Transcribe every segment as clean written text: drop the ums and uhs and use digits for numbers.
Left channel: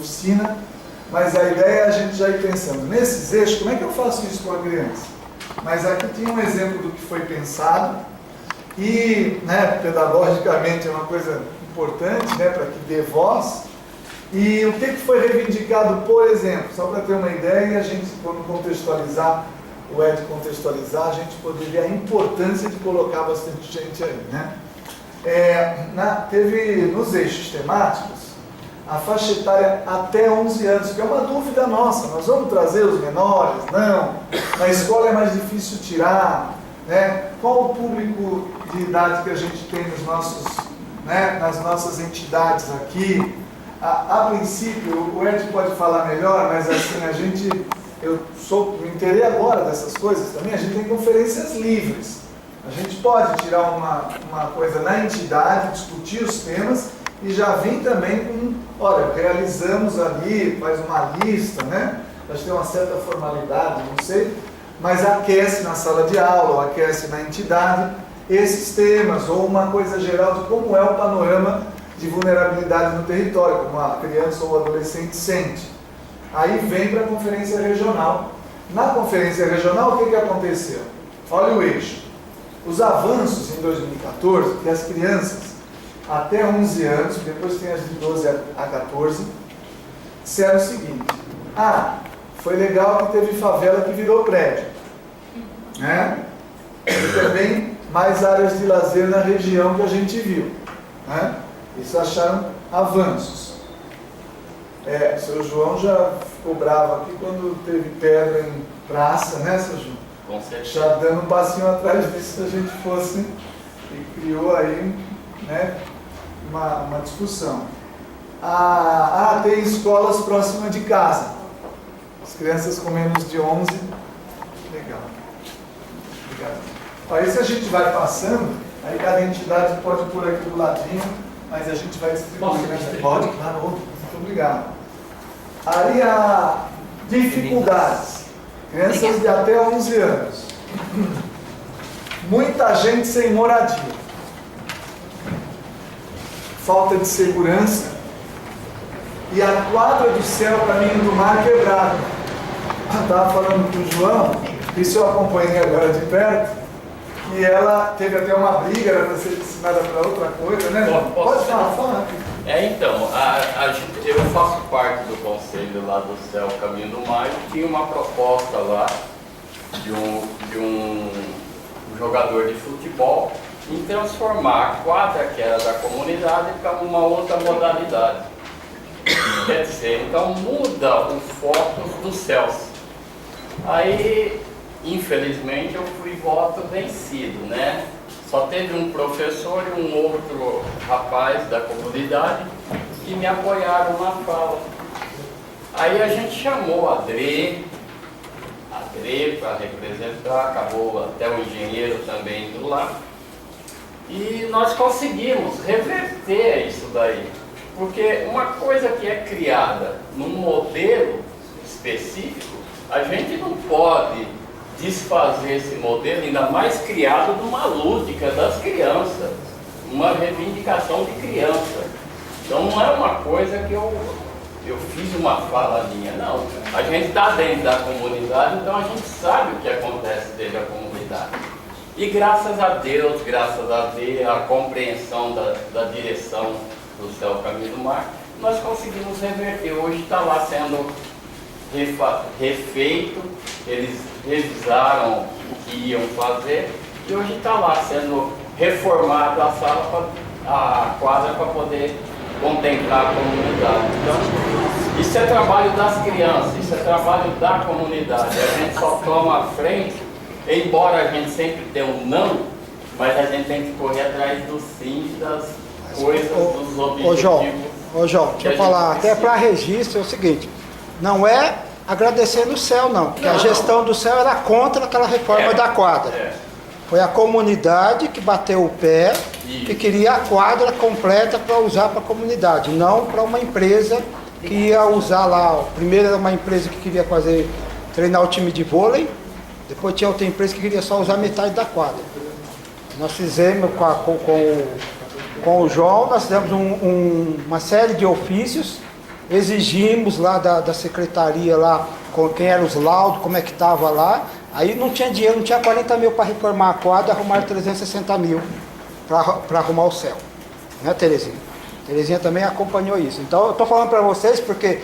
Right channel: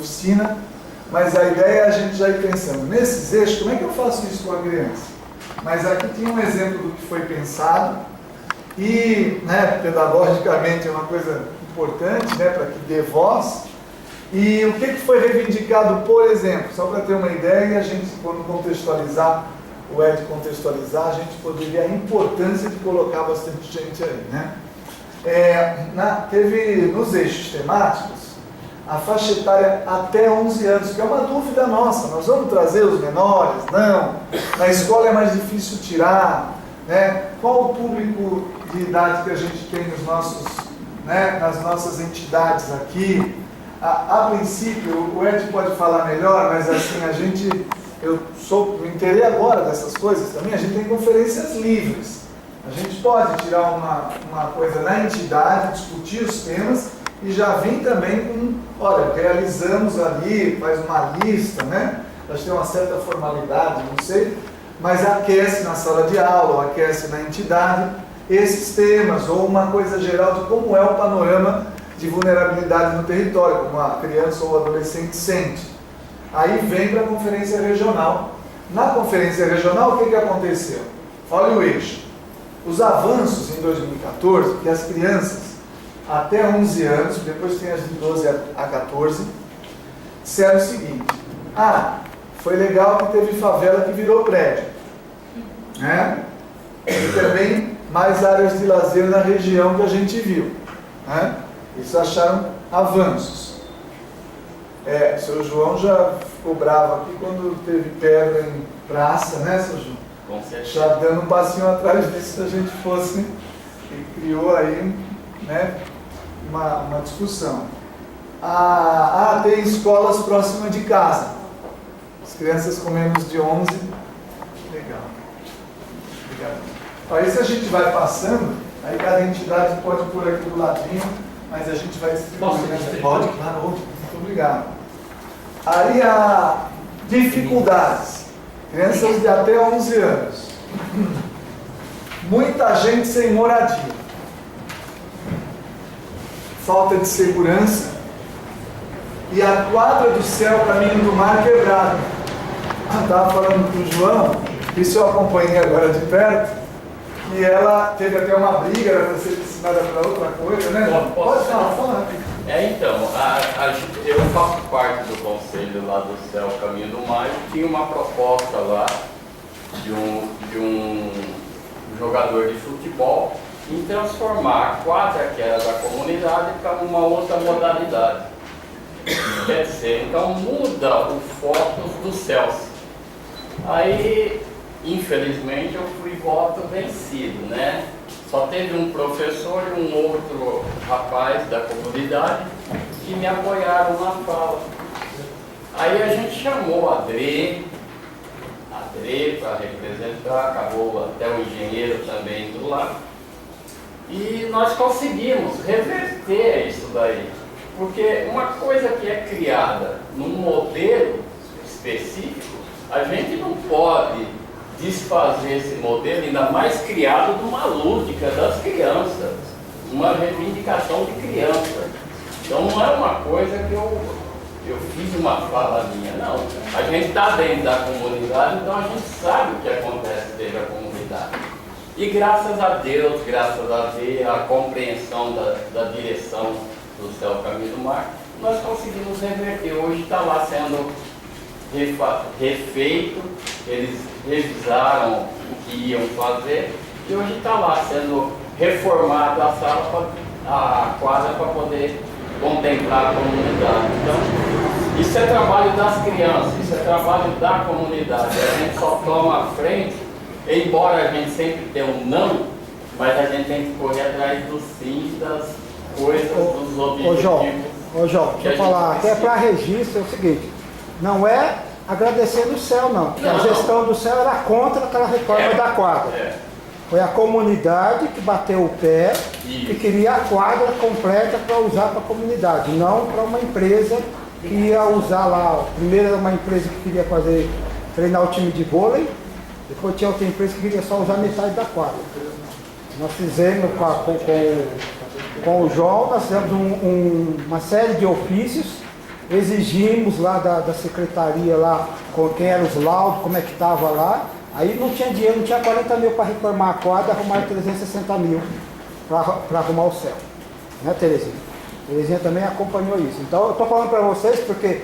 oficina, mas a ideia é a gente já ir pensando nesses eixos, como é que eu faço isso com a criança? Mas aqui tinha um exemplo do que foi pensado e, né, pedagogicamente é uma coisa importante, né, para que dê voz. E o que foi reivindicado, por exemplo, só para ter uma ideia, e a gente, quando contextualizar, o Ed contextualizar, a gente poderia a importância de colocar bastante gente aí, né? Teve nos eixos temáticos a faixa etária até 11 anos, que é uma dúvida nossa, nós vamos trazer os menores? Não, na escola é mais difícil tirar, né? Qual o público de idade que a gente tem nos nossos, né, nas nossas entidades aqui? A princípio, o Ed pode falar melhor, mas assim, me inteirei agora dessas coisas também, a gente tem conferências livres. A gente pode tirar uma coisa na entidade, discutir os temas e já vir também com, olha, realizamos ali, faz uma lista, né? Acho que tem uma certa formalidade, não sei, mas aquece na sala de aula, ou aquece na entidade esses temas, ou uma coisa geral de como é o panorama de vulnerabilidade no território, como a criança ou o adolescente sente. Aí vem para a conferência regional. Na conferência regional, o que aconteceu? Olha o eixo. Os avanços em 2014, que as crianças até 11 anos, depois tem as de 12 a 14, disseram o seguinte: foi legal que teve favela que virou prédio, né? E também mais áreas de lazer na região que a gente viu, né? Isso acharam avanços. O seu João já ficou bravo aqui quando teve pedra em praça, né, seu João? Com certeza. Já dando um passinho atrás disso se a gente fosse, e criou aí, né, uma discussão. Tem escolas próximas de casa. As crianças com menos de 11. Legal. Obrigado. Aí se a gente vai passando, aí cada entidade pode pôr aqui do ladinho, mas a gente vai distribuir, né? Pode, claro, muito obrigado. Aí há dificuldades. Crianças de até 11 anos. Muita gente sem moradia. Falta de segurança. E a quadra do céu, caminho do mar, quebrada. Eu estava falando com o João, isso eu acompanhei agora de perto, e ela teve até uma briga, era para ser destinada para outra coisa, né? Pode falar, fala. Então, eu faço parte do conselho lá do Céu Caminho do Mar e tinha uma proposta lá de um jogador de futebol em transformar a quadra que era da comunidade para uma outra modalidade. Quer dizer, então muda o foco dos céus. Aí, infelizmente, eu fui voto vencido, né? Só teve um professor e um outro rapaz da comunidade que me apoiaram na fala. Aí a gente chamou a Dre para representar, acabou até o engenheiro também do lado. E nós conseguimos reverter isso daí. Porque uma coisa que é criada num modelo específico, a gente não pode desfazer esse modelo, ainda mais criado numa lúdica das crianças, uma reivindicação de criança. Então não é uma coisa que eu fiz uma fala minha, não. A gente está dentro da comunidade, então a gente sabe o que acontece dentro da comunidade. E graças a Deus, a compreensão da direção do Céu Caminho do Mar, nós conseguimos reverter. Hoje está lá sendo refeito, eles revisaram o que iam fazer e hoje está lá sendo reformada a sala, a quadra para poder contemplar a comunidade. Então, isso é trabalho das crianças, isso é trabalho da comunidade. A gente só toma a frente, embora a gente sempre tenha um não, mas a gente tem que correr atrás do sim, das coisas, dos objetivos. Ô João, deixa eu falar, até para registro é o seguinte, não é agradecer no céu não, porque a gestão do céu era contra aquela reforma da quadra. Foi a comunidade que bateu o pé e queria a quadra completa para usar para a comunidade, não para uma empresa que ia usar lá. Primeiro era uma empresa que queria treinar o time de vôlei, depois tinha outra empresa que queria só usar metade da quadra. Nós fizemos com o João, nós fizemos uma série de ofícios exigimos lá da secretaria, lá, com quem eram os laudos, como é que estava lá. Aí não tinha dinheiro, não tinha 40 mil para reformar a quadra, arrumaram 360 mil para arrumar o céu. Né, Terezinha? Terezinha também acompanhou isso. Então eu estou falando para vocês porque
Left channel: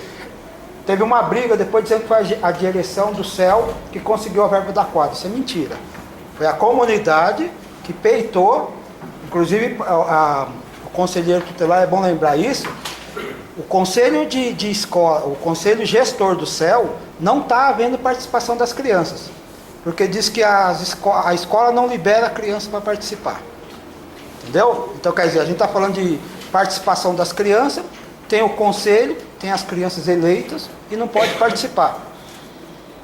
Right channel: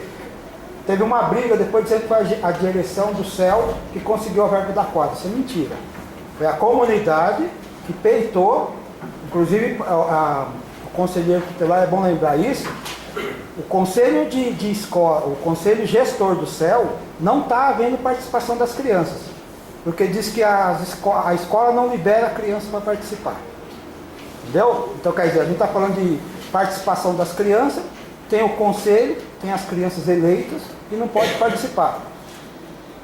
teve uma briga depois dizendo que foi a direção do céu que conseguiu a verba da quadra. Isso é mentira. Foi a comunidade que peitou, inclusive o conselheiro tutelar, é bom lembrar isso, o conselho de escola, o conselho gestor do céu, não está havendo participação das crianças, porque diz que a escola não libera a criança para participar. Entendeu? Então, quer dizer, a gente está falando de participação das crianças, tem o conselho, tem as crianças eleitas e não pode participar.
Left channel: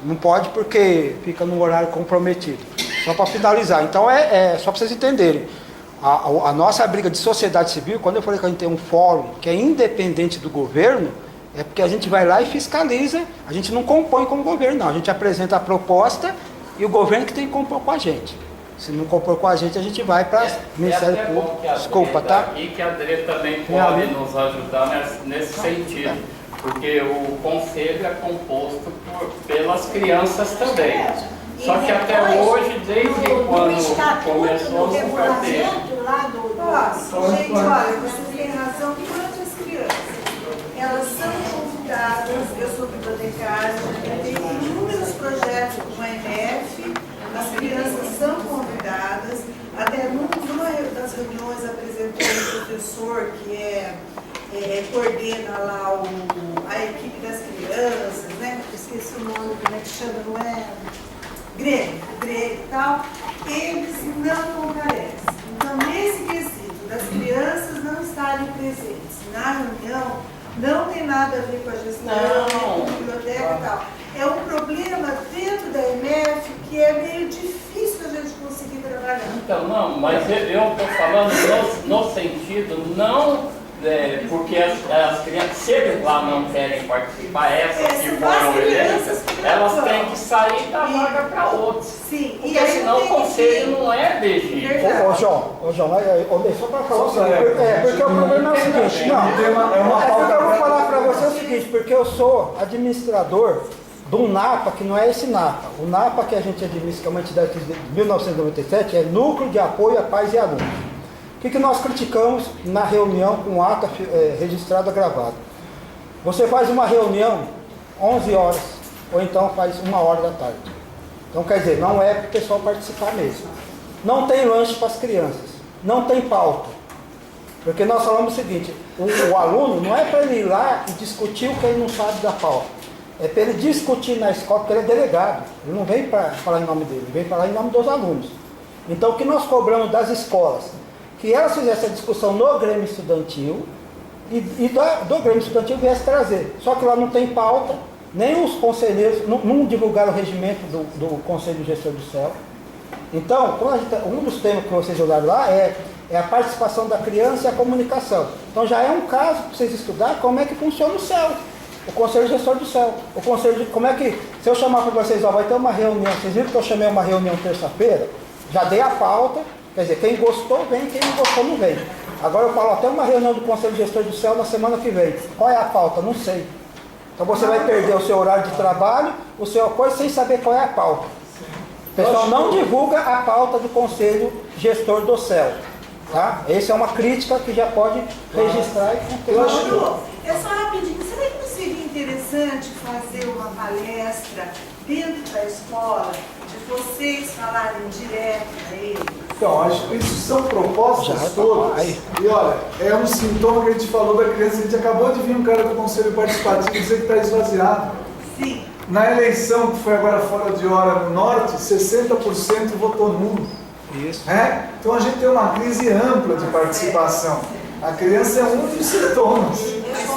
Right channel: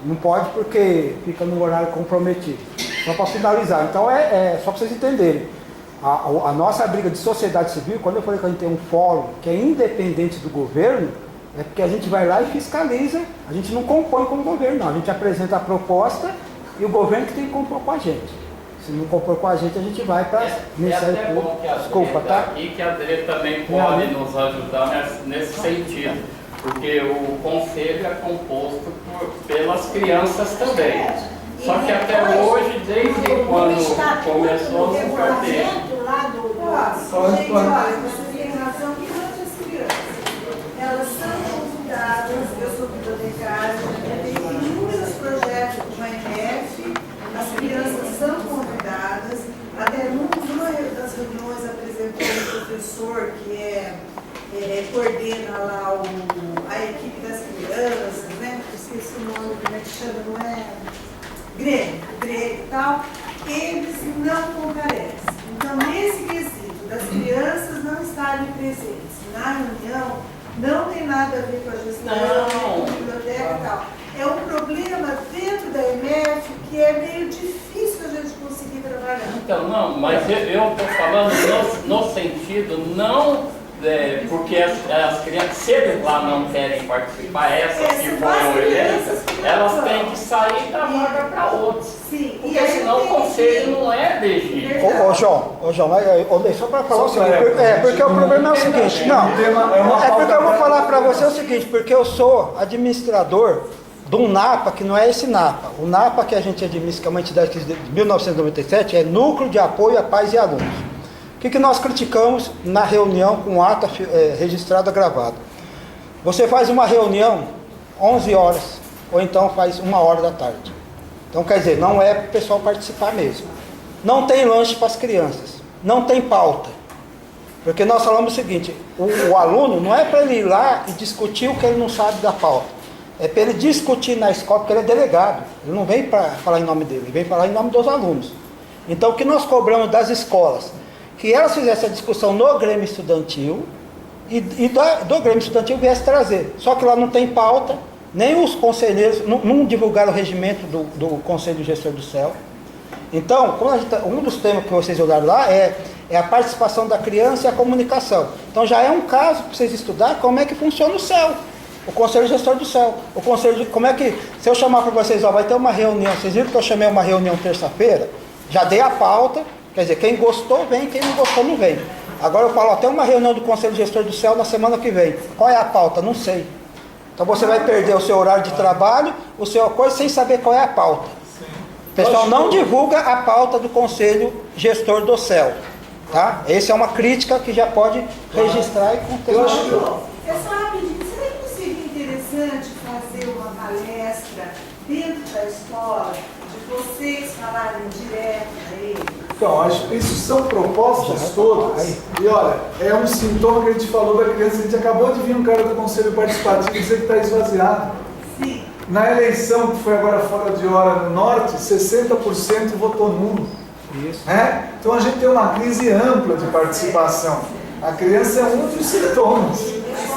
Não pode porque fica no horário comprometido. Só para finalizar. Então, só para vocês entenderem. A nossa briga de sociedade civil, quando eu falei que a gente tem um fórum que é independente do governo, é porque a gente vai lá e fiscaliza, a gente não compõe com o governo, não. A gente apresenta a proposta e o governo que tem que compor com a gente. Se não compor com a gente vai para o Ministério Público. Desculpa, tá? E que a Dre também pode nos ajudar nesse sentido, porque o conselho é composto pelas crianças também. Só que até hoje, desde quando começou, nunca teve. Gente, olha, você tem razão quanto as crianças. Elas são convidadas, eu sou bibliotecária, já tenho inúmeros projetos com a EMF, as crianças são convidadas, até numa das reuniões apresentou um professor que coordena lá a equipe das crianças, né? Esqueci o nome, como é que chama, não é? Grêmio e tal, eles não comparecem. Então, nesse quesito das crianças não estarem presentes na reunião, não tem nada a ver com a gestão, com a biblioteca e tal. É um problema dentro da EMF que é meio difícil a gente conseguir trabalhar. Então, não, mas eu estou falando no sentido não... porque as crianças, se eles lá não querem participar, essas que foram eleitas, elas têm que sair da vaga para outros. Sim. Porque senão o conselho não é legítimo. Ô João, só para falar o seguinte, porque o problema é o seguinte, porque eu vou falar para você o seguinte, porque eu sou administrador de um NAPA que não é esse NAPA. O NAPA que a gente administra, que é uma entidade de 1997, é Núcleo de Apoio a Pais e Alunos. O que nós criticamos na reunião com ata registrada gravada? Você faz uma reunião 11 horas, ou então faz 1h da tarde. Então, quer dizer, não é para o pessoal participar mesmo. Não tem lanche para as crianças, não tem pauta. Porque nós falamos o seguinte, o aluno não é para ele ir lá e discutir o que ele não sabe da pauta. É para ele discutir na escola, porque ele é delegado. Ele não vem para falar em nome dele, ele vem falar em nome dos alunos. Então, o que nós cobramos das escolas? Que elas fizessem a discussão no Grêmio Estudantil e do Grêmio Estudantil viesse trazer. Só que lá não tem pauta, nem os conselheiros, não divulgaram o regimento do Conselho Gestor do CEL. Então, um dos temas que vocês olharam lá é a participação da criança e a comunicação. Então já é um caso para vocês estudarem como é que funciona o CEL, o Conselho Gestor do CEL. Como é que, se eu chamar para vocês, vai ter uma reunião, vocês viram que eu chamei uma reunião terça-feira, já dei a pauta. Quer dizer, quem gostou vem, quem não gostou não vem. Agora eu falo, tem uma reunião do Conselho Gestor do CEL na semana que vem. Qual é a pauta? Não sei. Então você vai perder o seu horário de trabalho, o seu coisa, sem saber qual é a pauta. O pessoal não divulga a pauta do Conselho Gestor do CEL. Tá? Essa é uma crítica que já pode registrar e contextualizar. É só rapidinho, será que não seria interessante fazer uma palestra dentro da escola, de vocês falarem direto a ele? Então, acho que isso são propostas todas. E olha, é um sintoma que a gente falou da criança. A gente acabou de vir um cara do Conselho Participativo dizer que está esvaziado. Sim. Na eleição que foi agora fora de hora no Norte, 60% votou nulo. Isso. Então a gente tem uma crise ampla de participação. A criança é um dos sintomas.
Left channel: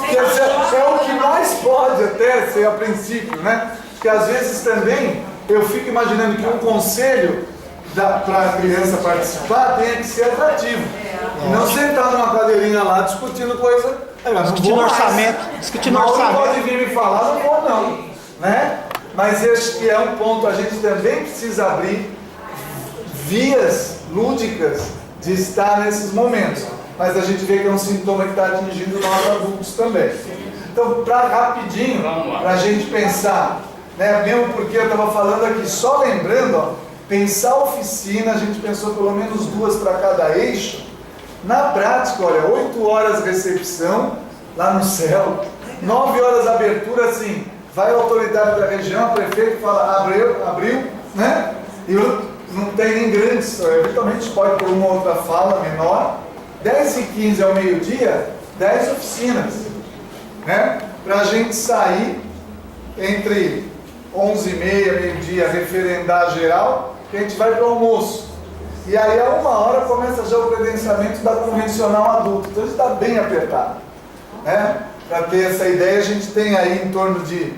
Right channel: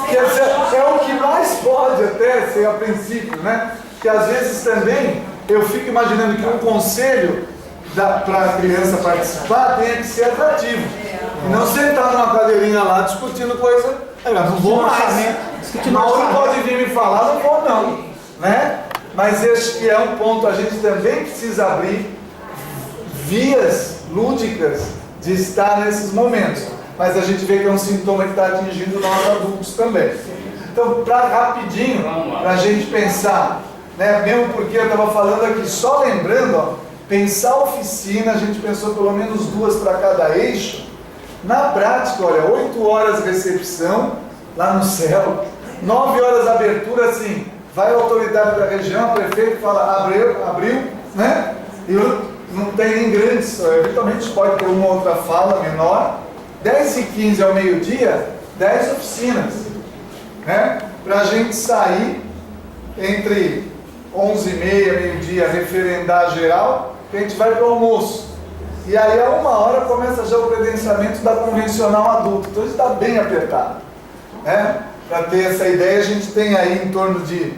Quer dizer, é o que mais pode até ser a princípio, né? Porque às vezes também eu fico imaginando que um conselho para a criança participar tem que ser atrativo. E não sentar numa cadeirinha lá discutindo coisa. Discutindo orçamento. Não pode vir me falar, não vou não. Né? Mas acho que é um ponto, a gente também precisa abrir vias lúdicas de estar nesses momentos. Mas a gente vê que é um sintoma que está atingindo nós adultos também. Então, rapidinho, para a gente pensar, né? Mesmo porque eu estava falando aqui, só lembrando, ó, pensar oficina, a gente pensou pelo menos 2 para cada eixo. Na prática, olha, 8 horas recepção lá no céu, 9 horas abertura, assim, vai a autoridade da região, o prefeito fala, abriu, né? E não tem nem grandes, eventualmente pode ter uma outra fala menor. 10h15 ao meio-dia, 10 oficinas, né? Para a gente sair entre 11h30 meio-dia, referendar geral, que a gente vai para o almoço. E aí a 1h começa já o credenciamento da convencional adulto. Então está bem apertado, né? Para ter essa ideia, a gente tem aí em torno de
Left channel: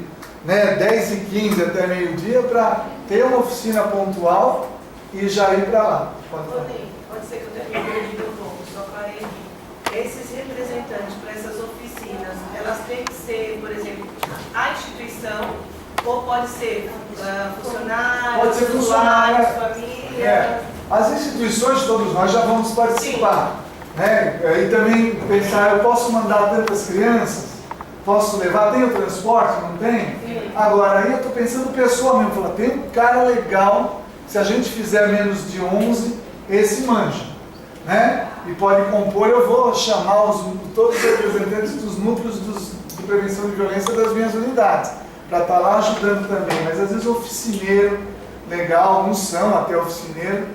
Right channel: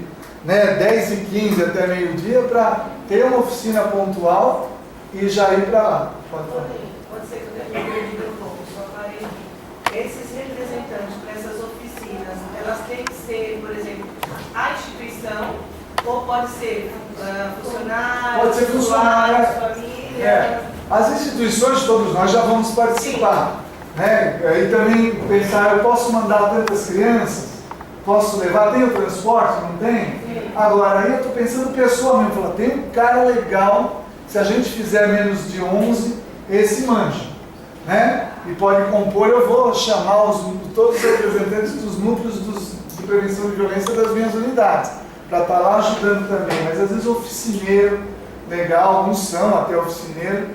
10h15 até meio-dia para ter uma oficina pontual e já ir para lá. Pode ser que eu tenha me perdido um pouco, só parei aqui. Esses representantes para essas oficinas, elas têm que ser, por exemplo, a instituição, ou pode ser funcionários, pode ser funcionário, família. As instituições, todos nós já vamos participar, né? E também pensar, eu posso mandar tantas crianças? Posso levar? Tem o transporte? Não tem? Sim. Agora, aí eu estou pensando pessoa mesmo, falar, tem um cara legal, se a gente fizer menos de 11, esse manja, né? E pode compor, eu vou chamar todos os representantes dos núcleos de prevenção de violência das minhas unidades, para estar lá ajudando também, mas às vezes oficineiro, legal, alguns são até oficineiro,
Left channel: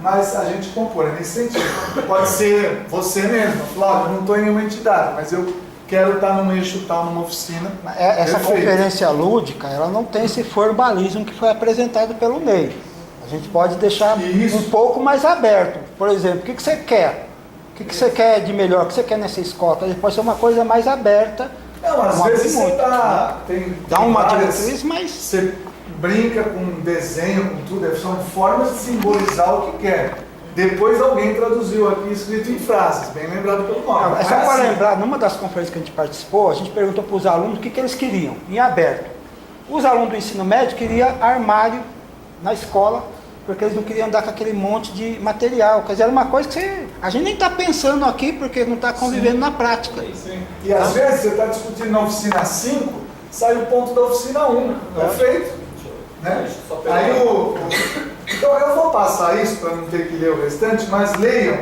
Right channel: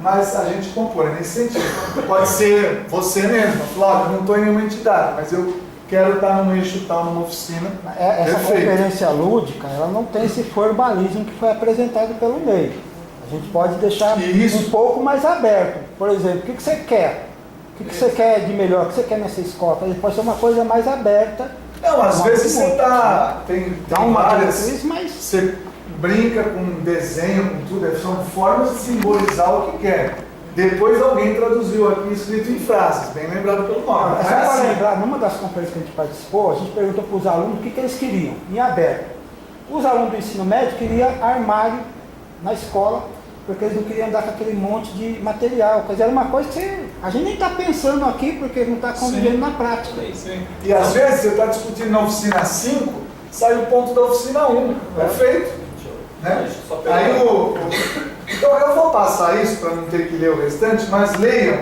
mas a gente compõe nesse sentido. Pode ser você mesmo, Flávio, eu não estou em nenhuma entidade, mas eu quero estar num eixo tal, numa oficina. Essa conferência lúdica, ela não tem esse formalismo que foi apresentado pelo MEI. A gente pode deixar um pouco mais aberto. Por exemplo, o que você quer? O que você quer de melhor? O que você quer nessa escola? Pode ser uma coisa mais aberta. Não, às vezes você dá uma diretriz, mas você brinca com desenho, com tudo, são formas de simbolizar o que quer. Depois alguém traduziu aqui escrito em frases, bem lembrado pelo nome. É só para lembrar, numa das conferências que a gente participou, a gente perguntou para os alunos o que eles queriam, em aberto. Os alunos do ensino médio queriam armário na escola, porque eles não queriam andar com aquele monte de material. Quer dizer, era uma coisa que a gente nem está pensando aqui, porque não está convivendo na prática. Sim. E às vezes você está discutindo na oficina 5, sai o ponto da oficina 1. Perfeito? Né? Aí então eu vou passar isso para não ter que ler o restante, mas leiam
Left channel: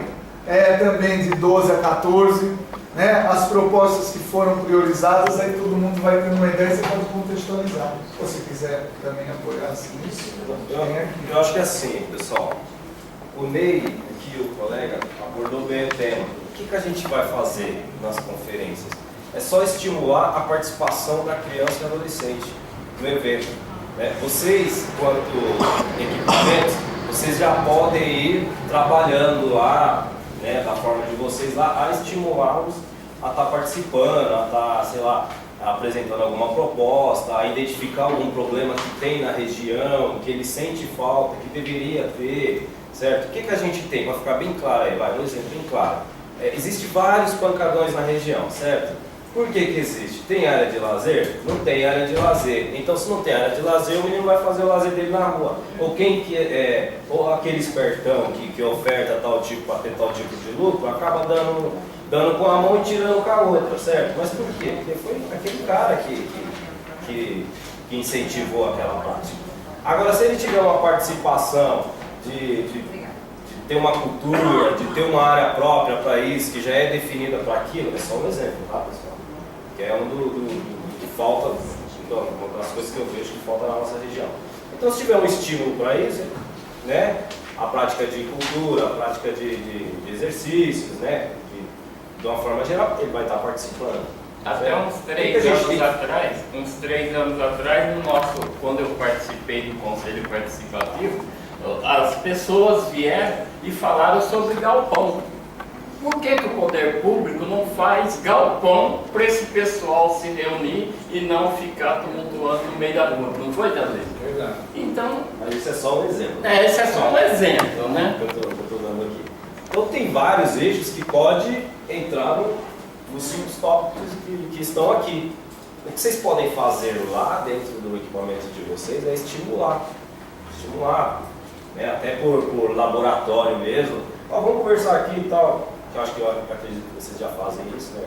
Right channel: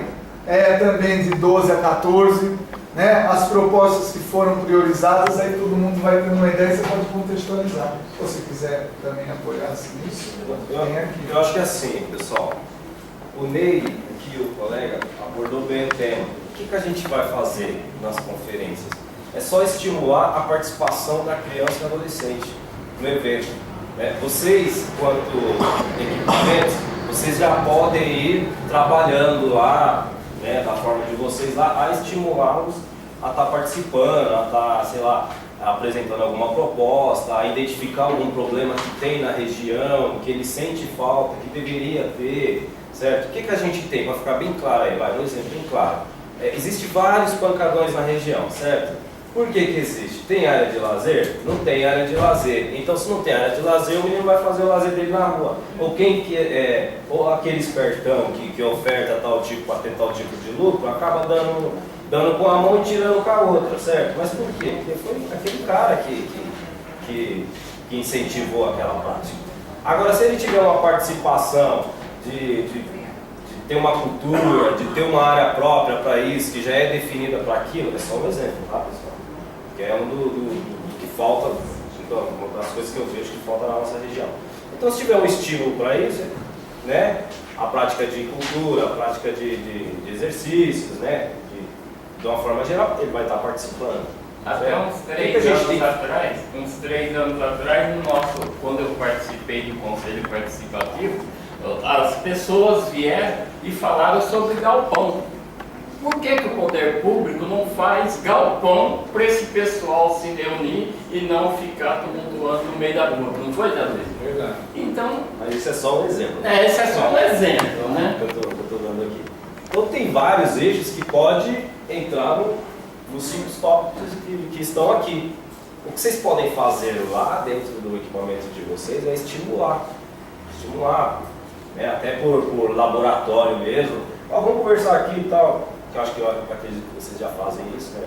também de 12 a 14, né, as propostas que foram priorizadas, aí todo mundo vai ter uma ideia e você pode contextualizar. Se você quiser também apoiar assim, isso, tem aqui. Eu acho que é assim, pessoal, o Ney, aqui o colega, abordou bem o tema. O que a gente vai fazer nas conferências? É só estimular a participação da criança e adolescente no evento. Vocês, quanto equipamentos, vocês já podem ir trabalhando lá, né, da forma de vocês lá, a estimulá-los a estar participando, a estar, sei lá, apresentando alguma proposta, a identificar algum problema que tem na região, que ele sente falta, que deveria ter, certo? O que a gente tem? Para ficar bem claro aí, vai, um exemplo bem claro. Existem vários pancadões na região, certo? Por que existe? Tem área de lazer? Não tem área de lazer. Então, se não tem área de lazer, o menino vai fazer o lazer dele na rua. Ou ou aquele espertão que oferta tal tipo para ter tal tipo de lucro, acaba dando com a mão e tirando com a outra, certo? Mas por quê? Porque foi aquele cara que incentivou aquela prática. Agora, se ele tiver uma participação de ter uma cultura, de ter uma área própria para isso, que já é definida para aquilo, é só um exemplo, tá, pessoal? Que é do que falta, uma das coisas que eu vejo que falta na nossa região. Então, se tiver um estímulo para isso, né, a prática de cultura, a prática de exercícios, né, de uma forma geral, ele vai estar participando. Até uns 3 anos atrás, quando eu participei do Conselho Participativo, as pessoas vieram e falaram sobre galpão. Por que o poder público não faz galpão para esse pessoal se reunir e não ficar tumultuando no meio da rua? Não foi, Jadê? Verdade. Então... Mas isso é só um exemplo. Esse é só um exemplo, né? Que eu estou dando aqui. Então tem vários eixos que pode entrar nos 5 tópicos que estão aqui. O que vocês podem fazer lá dentro do equipamento de vocês é estimular, né? Até por laboratório mesmo. Vamos conversar aqui e tal. Eu acredito que vocês já fazem isso, né?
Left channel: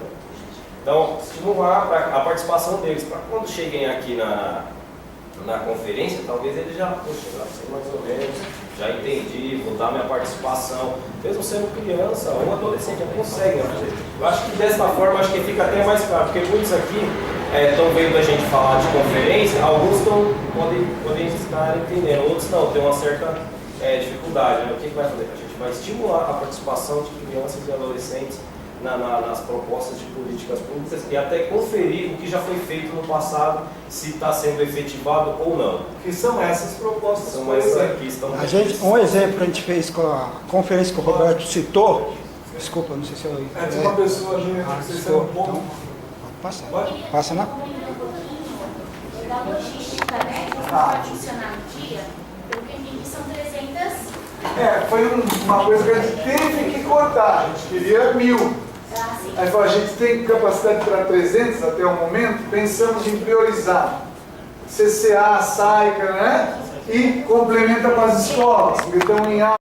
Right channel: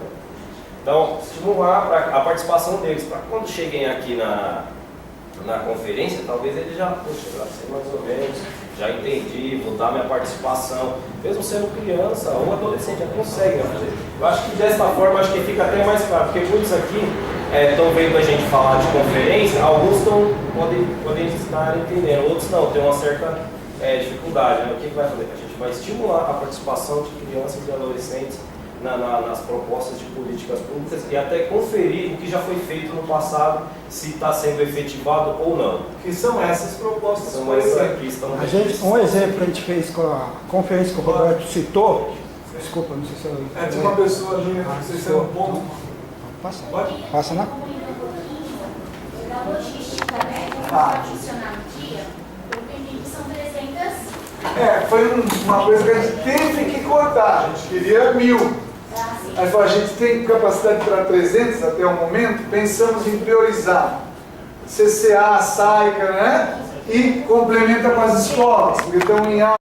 Então, estimular a participação deles, para quando cheguem aqui na conferência, talvez eles já, poxa, já sei mais ou menos, já entendi, vou dar minha participação, mesmo sendo criança ou adolescente, já conseguem fazer. Eu acho que dessa forma, acho que fica até mais claro, porque muitos aqui estão vendo a gente falar de conferência, alguns podem estar entendendo, outros não, tem uma certa dificuldade. Né? O que vai fazer? A gente vai estimular a participação de crianças e adolescentes nas propostas de políticas públicas e até conferir o que já foi feito no passado, se está sendo efetivado ou não. Que são essas propostas. São essas aqui, estão um exemplo que a gente fez com a conferência que o Roberto citou, desculpa, não sei se eu... Tinha uma pessoa ali, não sei se é um ponto. Passa, Pode? passa na... Da logística, né? Como vai funcionar no dia, pelo que eu entendi, são 300... Foi uma coisa que a gente teve que cortar, a gente queria 1000. Aí falou, a gente tem capacidade para 300 até o momento, pensamos em priorizar CCA, SAICA, né? E complementa com as escolas, porque estão em